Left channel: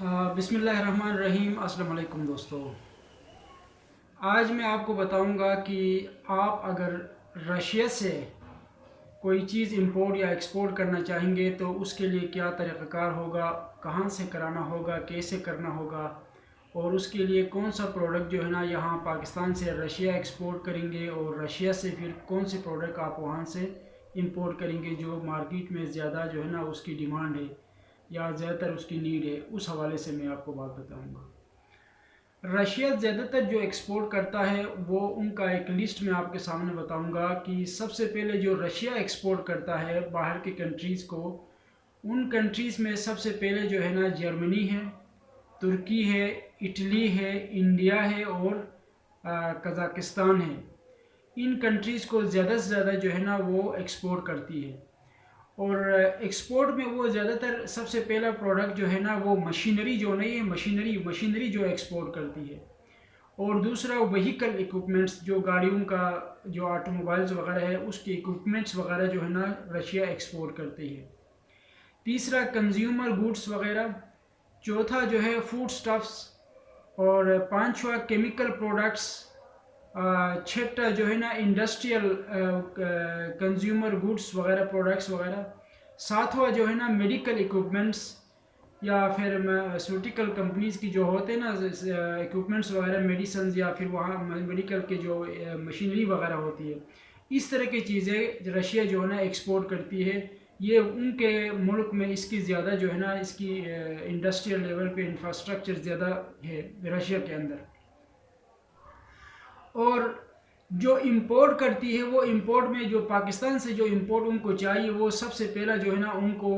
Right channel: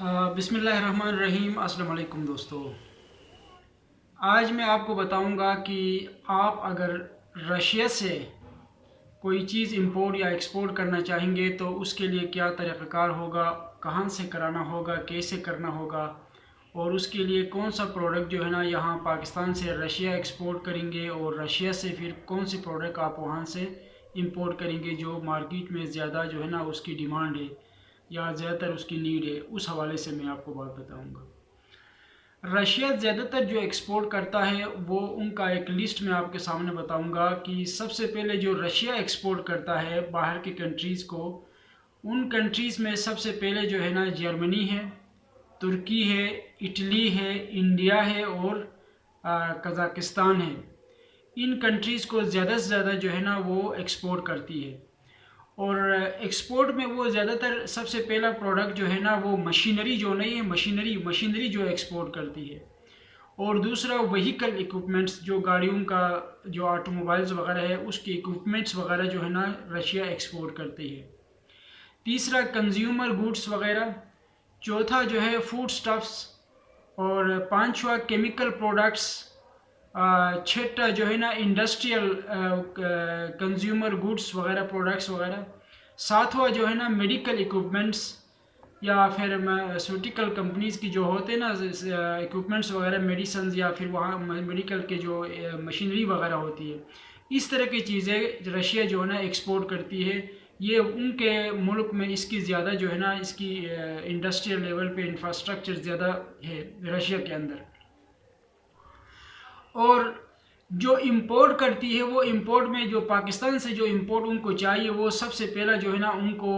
بسم اللہ الرحمن الرحیم۔ السلام علیکم دوستو، آج میں آپ کو بتاؤں گا کہ آپ اگر رشیا سے کوئی چیز امپورٹ یا ایکسپورٹ کرنا چاہیں گے تو اس کے لیے کیا طریقہ کار ہوگا، کہاں سے کرانا ہوگا، کیسے کرنا ہوگا، اور اس کے لیے کون سا پروڈکٹ جو ہے نا یہاں پاکستان سے رشیا ایکسپورٹ کریں گے، اور رشیا سے پھر کون سی پروڈکٹ آپ وہاں سے امپورٹ کریں گے جو مارکیٹ میں زیادہ جو ہے نا اس کی ڈیمانڈ ہے یا زیادہ تر اس کی نیڈ ہے، اس حوالے سے میں آپ کو بات بتاؤں گا۔ رشیا زیادہ تر جو ایکسپورٹ کرتا ہے وہ ان کا ایک لسٹ میں آپ کے سامنے بتاؤں گا کہ سب سے پہلے جو رشیا ایکسپورٹ کرتا ہے باہر کی کنٹریز کو، ان کنٹریز میں سب سے پہلے جو ہے نا جرمنی ہے، ترکی ہے، اٹلی ہے، انڈیا ہے اور قزاقستان ہے۔ ان کنٹریز کو زیادہ سے زیادہ جو ہے نا وہ ایکسپورٹ کرتی ہے، اور ایکسپورٹ میں وہ زیادہ تر سب سے پہلا پروڈکٹ جو ہے نا وہ مشینری جو نہیں ہے، مشینری جو ایکسپورٹ کرتی ہے، اور دوسرا وہیکل ایکوپمنٹس جو گاڑیوں کا جو آٹو موبائلز وغیرہ ہے اس کے ایکوپمنٹس وغیرہ جو ہے نا رشیا ایکسپورٹ کرتی ہے۔ تیسرا کنزیومر گوڈس وغیرہ، چوتھا جو ہے فوڈ سٹفس، اور پانچواں کیمیکل پروڈکٹس، چھٹا جو ہے نا انڈسٹریل کنزیومر گوڈس وغیرہ پروڈکٹس وغیرہ، ساتواں جو ہے نا میڈیکل ایکوپمنٹس یا پھر سوٹیکل کمپنیز کی جو ہوتے ہیں نا ایکوپمنٹس وغیرہ، میڈیسنز یا پھر وہاں میڈیکل کے جو مشینری وغیرہ ہوتی ہے، اس طرح کی چیزیں رشیا جو ہے نا ایکسپورٹ کرتی ہے۔ یہ ان کے ملک میں اس کی زیادہ جو ہے نا اس کی انڈسٹریل لیول پہ انفراسٹرکچر زیادہ ہے رشیا کے اندر، اور جو امپورٹ کرتی ہے وہ امپورٹ میں جو پاکستان سے جو امپورٹ ان کو چاہیے وہ سب سے پہلا جو ہے نا ان کو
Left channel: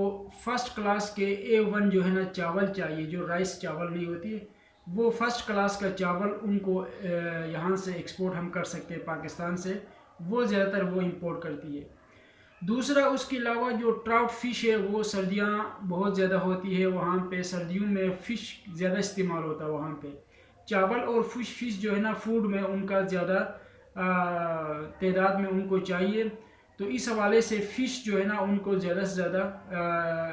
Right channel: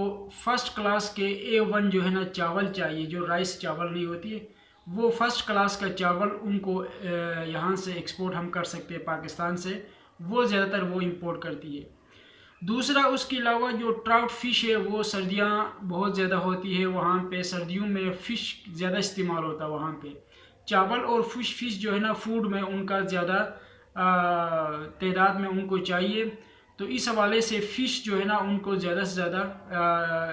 فرسٹ کلاس کے A1 جو ہے نا چاول چاہیے، جو رائس چاول نہیں ہوتی ہے، وہ فرسٹ کلاس کا چاول ان کو یہاں سے ایکسپورٹ ہم کر سکتے ہیں پاکستان سے، وہ زیادہ تر وہ امپورٹ کرتی ہے۔ دوسرا اس کے علاوہ جو ٹراؤٹ فش ہے وہ سردیاں بہت زیادہ ہوتی ہے وہاں پہ، سردیوں میں فش زیادہ استعمال ہوتا ہے وہاں پہ، چاول اور فش جو ہے نا فوڈ میں ان کا زیادہ تعداد میں ان کو چاہیے، تو اس حوالے سے فش جو ہے نا ان کو زیادہ سے زیادہ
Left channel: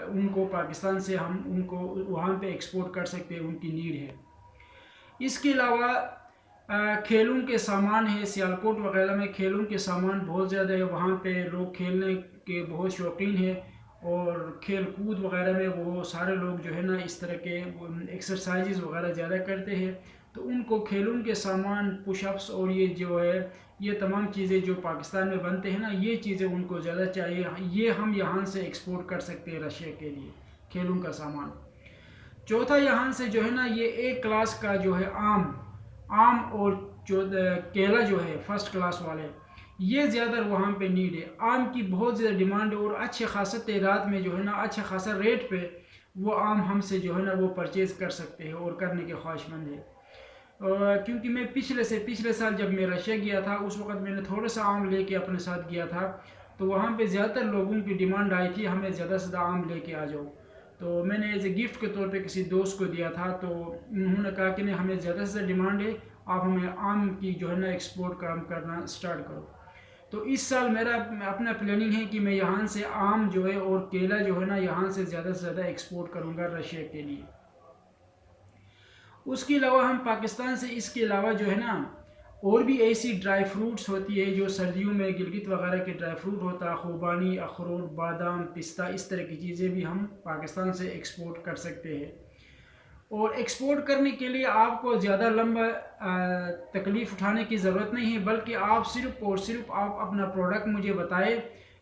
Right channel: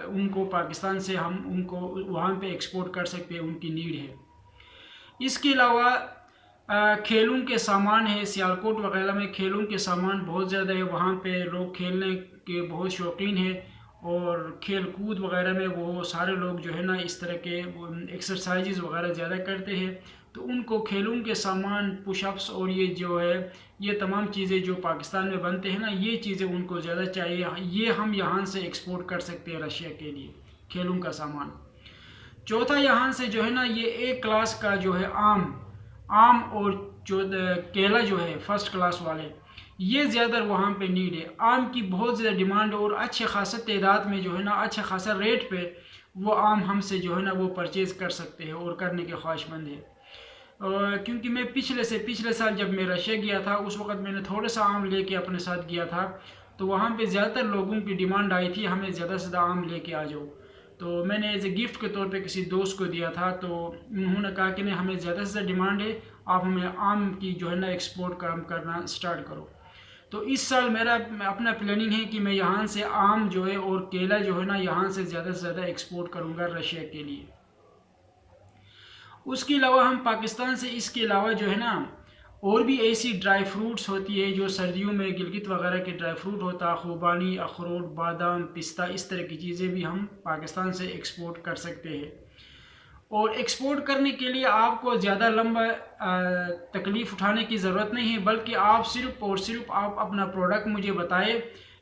ان کو پاکستان سے ہم ان کو وہاں پہ ایکسپورٹ کر سکتے ہیں، ان کی نیڈ ہے۔ اس کے علاوہ کھیلوں کے سامان ہے، سیالکوٹ وغیرہ میں کھیلوں کے سامان بہت زیادہ ہے، وہاں پہ لوگ کھیلنے کے بہت شوقین ہیں، اور کھیل کود وغیرہ میں وہ سارے لوگ جو ہے نا اس طرح کے ایکسرسائزز وغیرہ زیادہ کرتے ہیں، تو ان کو کھیلوں کے سامان، پش اپس اور یہ جو ہے یہ تمام چیزیں جو پاکستان میں بنتے ہیں نا یہ چیزیں ان کو زیادہ چاہیے، یہ ہم یہاں سے ایکسپورٹ کر سکتے ہیں رشیا کے لیے کھیلوں کا سامان۔ چوتھا یہاں سے جو ہے نا یہ ایک کلاس کا جو ہے آم اور کیلا جو ہے فرسٹ کلاس والے، یہ زیادہ وہاں پہ نیڈ ہے، آم کی بہت زیادہ ڈیمانڈ، اور اچھے خاصا تعداد میں جو ہے نا اچھا خاصا ریٹ پہ وہ آم ہم سے جو ہے نا وہ پرچیز کر سکتے ہیں اور کرنے کے خواہش مند ہے۔ کیونکہ میں پچھلے سال جب میں رشیا گیا تھا اس وقت میں نے تھوڑا سا آم لے کے اپنے ساتھ گیا تھا، تو وہاں پہ زیادہ تر لوگوں کی ڈیمانڈ آئی تھی ہمیں زیادہ سے زیادہ آم لے کے آ جاؤ، تو میں نے ایز اے گفٹ کے طور پہ کسی دوست کو دیا تھا، تو انہوں نے کہا کہ نہیں ہمیں زیادہ سے زیادہ ڈیمانڈ ہے، آپ ہمیں آم کی جو ہے نا ایکسپورٹ کرنا سٹارٹ کرو۔ تو اس سال میرا اپنا پلاننگ ہے کہ میں یہاں سے آم جو ہے اور کیلا جو ہے نا یہاں سے زیادہ سے زیادہ ایکسپورٹ کروں گا رشیا کے لیے۔ اس کے علاوہ ہم پاکستان سے اس کے علاوہ جو ہے نا اور بھی ایسی ڈرائی فروٹس ہوتی ہے جو سردیوں میں گلگت وغیرہ کے ڈرائی فروٹ ہوتا، خوبانی، اخروٹ، بادام، پستہ، اس طرح کی چیزیں بھی ہم پاکستان سے ایکسپورٹ کر سکتے ہیں، اور ایکسپورٹ کرنے کے لیے آپ کو زیادہ لمبا تکلیف اٹھانے کی ضرورت نہیں ہے، بلکہ آپ صرف اور صرف آپ اپنا پروڈکٹ مجھے بتائے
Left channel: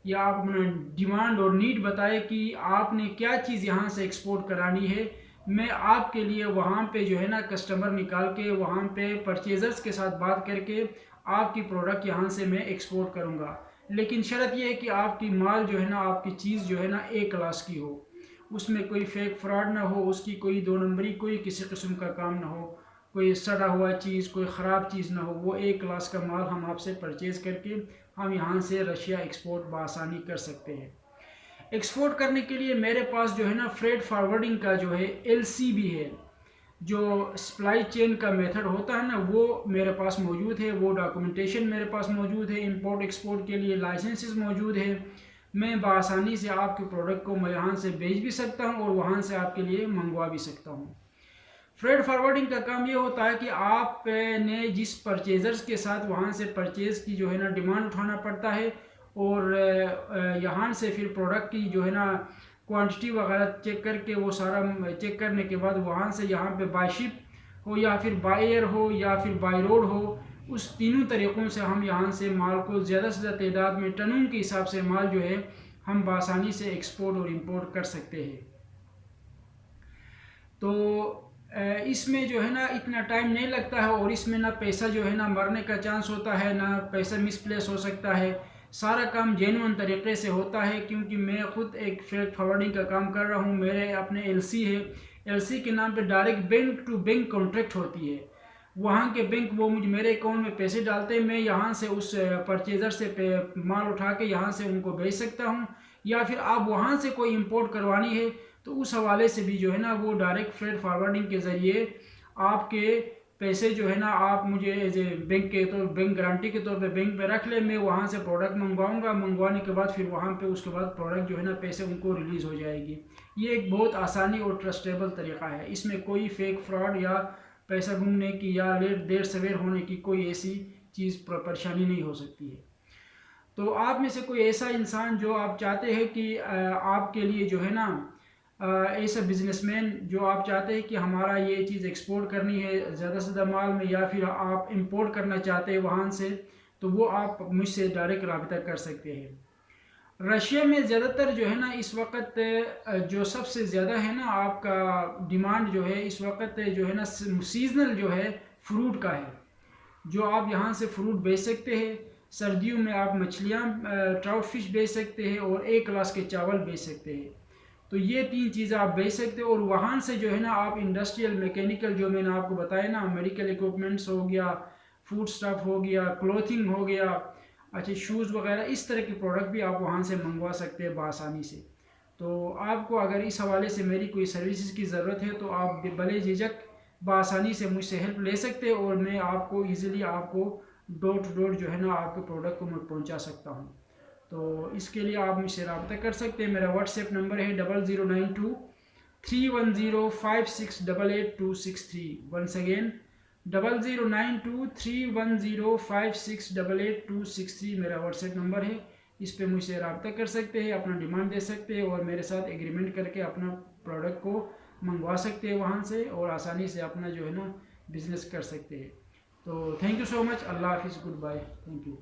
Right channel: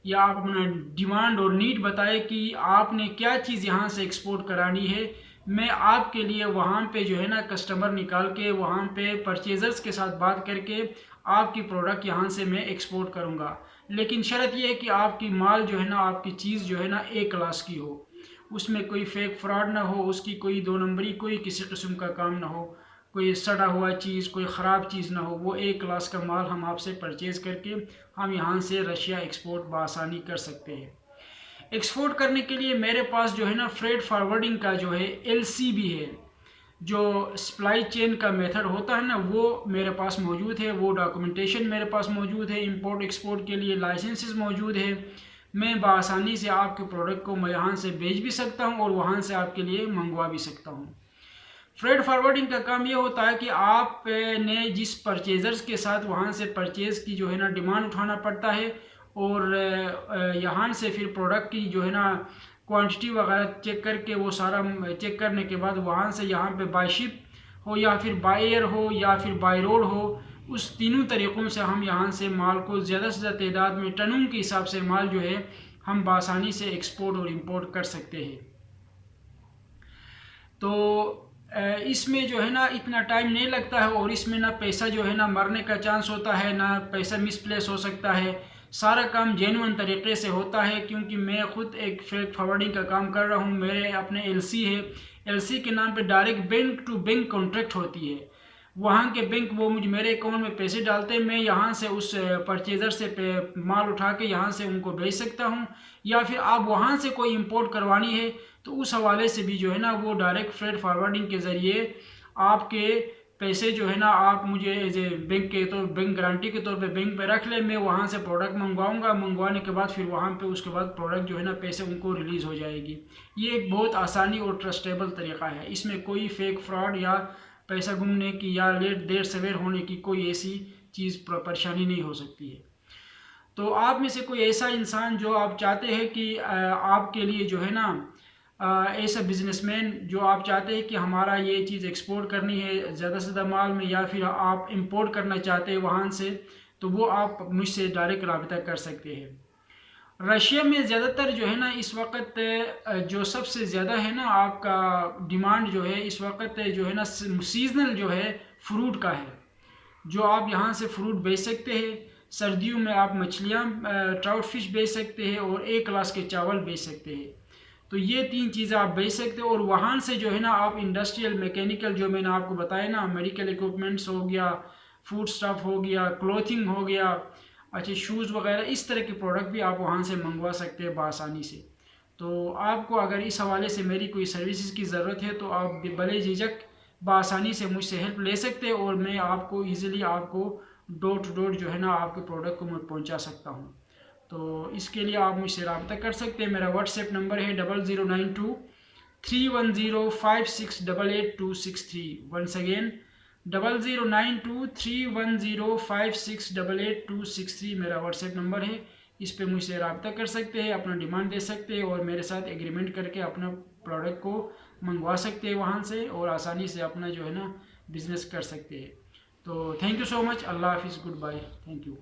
یا آپ اپنا ڈیمانڈ اور نیڈ بتائے کہ آپ نے کیا چیز یہاں سے ایکسپورٹ کرانی ہے، میں آپ کے لیے وہاں پہ جو ہے نا کسٹمر نکال کے وہاں پہ پرچیزرز کے ساتھ بات کر کے آپ کی پروڈکٹ یہاں سے میں ایکسپورٹ کروں گا، لیکن شرط یہ ہے کہ آپ کی مال جو ہے نا آپ کی چیز جو ہے نا A کلاس کی ہو، اس میں کوئی فیک فراڈ نہ ہو، اس کی کوئی دو نمبری کوئی کسی قسم کا کام نہ ہو، کوئی سڑا ہوا چیز، کوئی خراب چیز نہ ہو، وہ A کلاس کا مال ہم آپ سے پرچیز کر کے ہم یہاں سے رشیا ایکسپورٹ بآسانی کر سکتے ہیں۔ ایکسپورٹ کرنے کے لیے میرے پاس جو ہے نا فریٹ فارورڈنگ کا جو ہے LC بھی ہے، جو سپلائی چین کا میتھڈ ہوتا ہے نا وہ میرے پاس موجود ہے، وہ ڈاکومنٹیشن میرے پاس موجود ہے، امپورٹ ایکسپورٹ کے لیے لائسنسز موجود ہے، میں بآسانی سے آپ کے پروڈکٹ کو میں یہاں سے بیچ بھی سکتا ہوں اور وہاں سے آپ کے لیے منگوا بھی سکتا ہوں۔ فریڈ فارورڈنگ کا کام یہ ہوتا ہے کہ آپ نے جس پرچیزرز کے ساتھ وہاں سے پرچیز کی جو ہے نا ڈیمانڈ اٹھانا پڑتا ہے، اور یہاں سے پھر پروڈکٹ کی جو ہے نا کوانٹٹی وغیرہ چیک کر کے، وہ سارا چیک کرنے کے بعد وہاں سے یہاں پہ بائی شپ ہو یا پھر بائی ایئر ہو یا پھر بائی روڈ ہو، اس تینوں طریقوں سے ہم یہاں سے مال کو زیادہ سے زیادہ تعداد میں ٹنوں کے حساب سے مال جو ہے ہم بآسانی سے ایکسپورٹ اور امپورٹ کر سکتے ہیں۔ تو اس میں جو ہے نا اتنا ٹائم نہیں لگتا ہے، اور اس میں نہ پیسہ جو ہے نا مرنے کا چانس ہوتا ہے، نہ پیسہ مس پلیس ہو سکتا ہے۔ سارا کام جینون طریقے سے ہوتا ہے، کیونکہ میں خود ایک فریڈ فارورڈنگ کا کام کر رہا ہوں۔ میرے اپنے ایل سی ہے، ایل سی کے نام پہ direct bank to bank contract ہوتی ہے۔ وہاں کے بینک وہ مجھے میرے اکاؤنٹ میں پیسے ڈالتے ہیں، میں یہاں سے اس پرچیزر سے مال اٹھا کے یہاں سے ان کو بھیج سکتا ہوں، یا پھر آپ وہاں سے کوئی امپورٹ کروانی ہے تو اس حوالے سے بھی جو ہے نا وہ ڈائریکٹ فریڈ فارورڈنگ کے ذریعے آپ کے پیسے جو ہے نا آپ مجھے ایز اے بینک کے طور بینک گارنٹی کے طور پہ بینک پہ رکھ لیں، میں وہاں سے پروڈکٹ منگواؤں گا، منگوانے کے بعد پھر وہاں پہ اس کے بعد پروڈکٹ جو ہے نا پیسے ان کو ریلیز ہو جائے گی۔ یہ ایک بہت آسانی اور ٹرسٹیبل طریقہ ہے، اس میں کوئی فیک فراڈ یا پیسہ گمنے کی یا دیر سویر ہونے کی کوئی ایسی چیز پریشانی نہیں ہو سکتی ہے۔ تو آپ میں سے کوئی ایسا انسان جو آپ چاہتے ہیں کہ آپ کے لیے جو ہے نا ایسا بزنس مین جو آپ چاہتے ہیں کہ ہمارا یہ چیز ایکسپورٹ کرنی ہے زیادہ سے زیادہ مال میں، یا پھر آپ امپورٹ کرنا چاہتے ہیں وہاں سے، تو وہ آپ مجھ سے ڈائریکٹ رابطہ کر سکتے ہیں۔ رشیا میں زیادہ تر جو ہے نا اس وقت جو سب سے زیادہ ہے نا آپ کا ڈیمانڈ جو ہے اس وقت جو ہے نا سیزنل جو ہے فروٹ کا ہے، جو آپ یہاں سے فروٹ بیچ سکتے ہیں۔ سردیوں میں آپ مچھلیاں ٹراؤٹ فش بیچ سکتے ہیں، اور ایک کلاس کے چاول بیچ سکتے ہیں۔ تو یہ تین چیزیں آپ بیچ سکتے ہیں، اور وہاں سے جو ہے نا آپ انڈسٹریل میکینیکل جو میں نے آپ کو بتایا نا، میڈیکل ایکوپمنٹس ہو گیا، فوڈ سٹف ہو گیا، کلوتھنگ ہو گیا، اچھا شوز وغیرہ، اس طرح کے پروڈکٹ بھی آپ وہاں سے منگوا سکتے ہیں بآسانی سے۔ تو آپ کو اگر اس حوالے سے میری کوئی سروسز کی ضرورت ہے تو آپ بلے جھجک بآسانی سے مجھ سے ہیلپ لے سکتے ہیں، اور میں آپ کو ایزیلی آپ کو ڈور ٹو ڈور جو ہے نا آپ کے پروڈکٹ کو میں پہنچا سکتا ہوں۔ تو اس کے لیے آپ مجھ سے رابطہ کر سکتے ہیں۔ میرا واٹس ایپ نمبر ہے 0092 310 5688 ونس اگین 0092 310 5688 میرا واٹس ایپ نمبر ہے۔ اس پہ مجھ سے رابطہ کر سکتے ہیں، اپنا ڈیمانڈ دے سکتے ہیں، اور میرے ساتھ ایگریمنٹ کر کے اپنا پروڈکٹ کو منگوا سکتے ہیں وہاں سے، اور آسانی سے اپنا جو ہے نا بزنس کر سکتے ہیں۔ تو تھینک یو سو مچ، اللہ حافظ، گڈ بائے، تھینک یو۔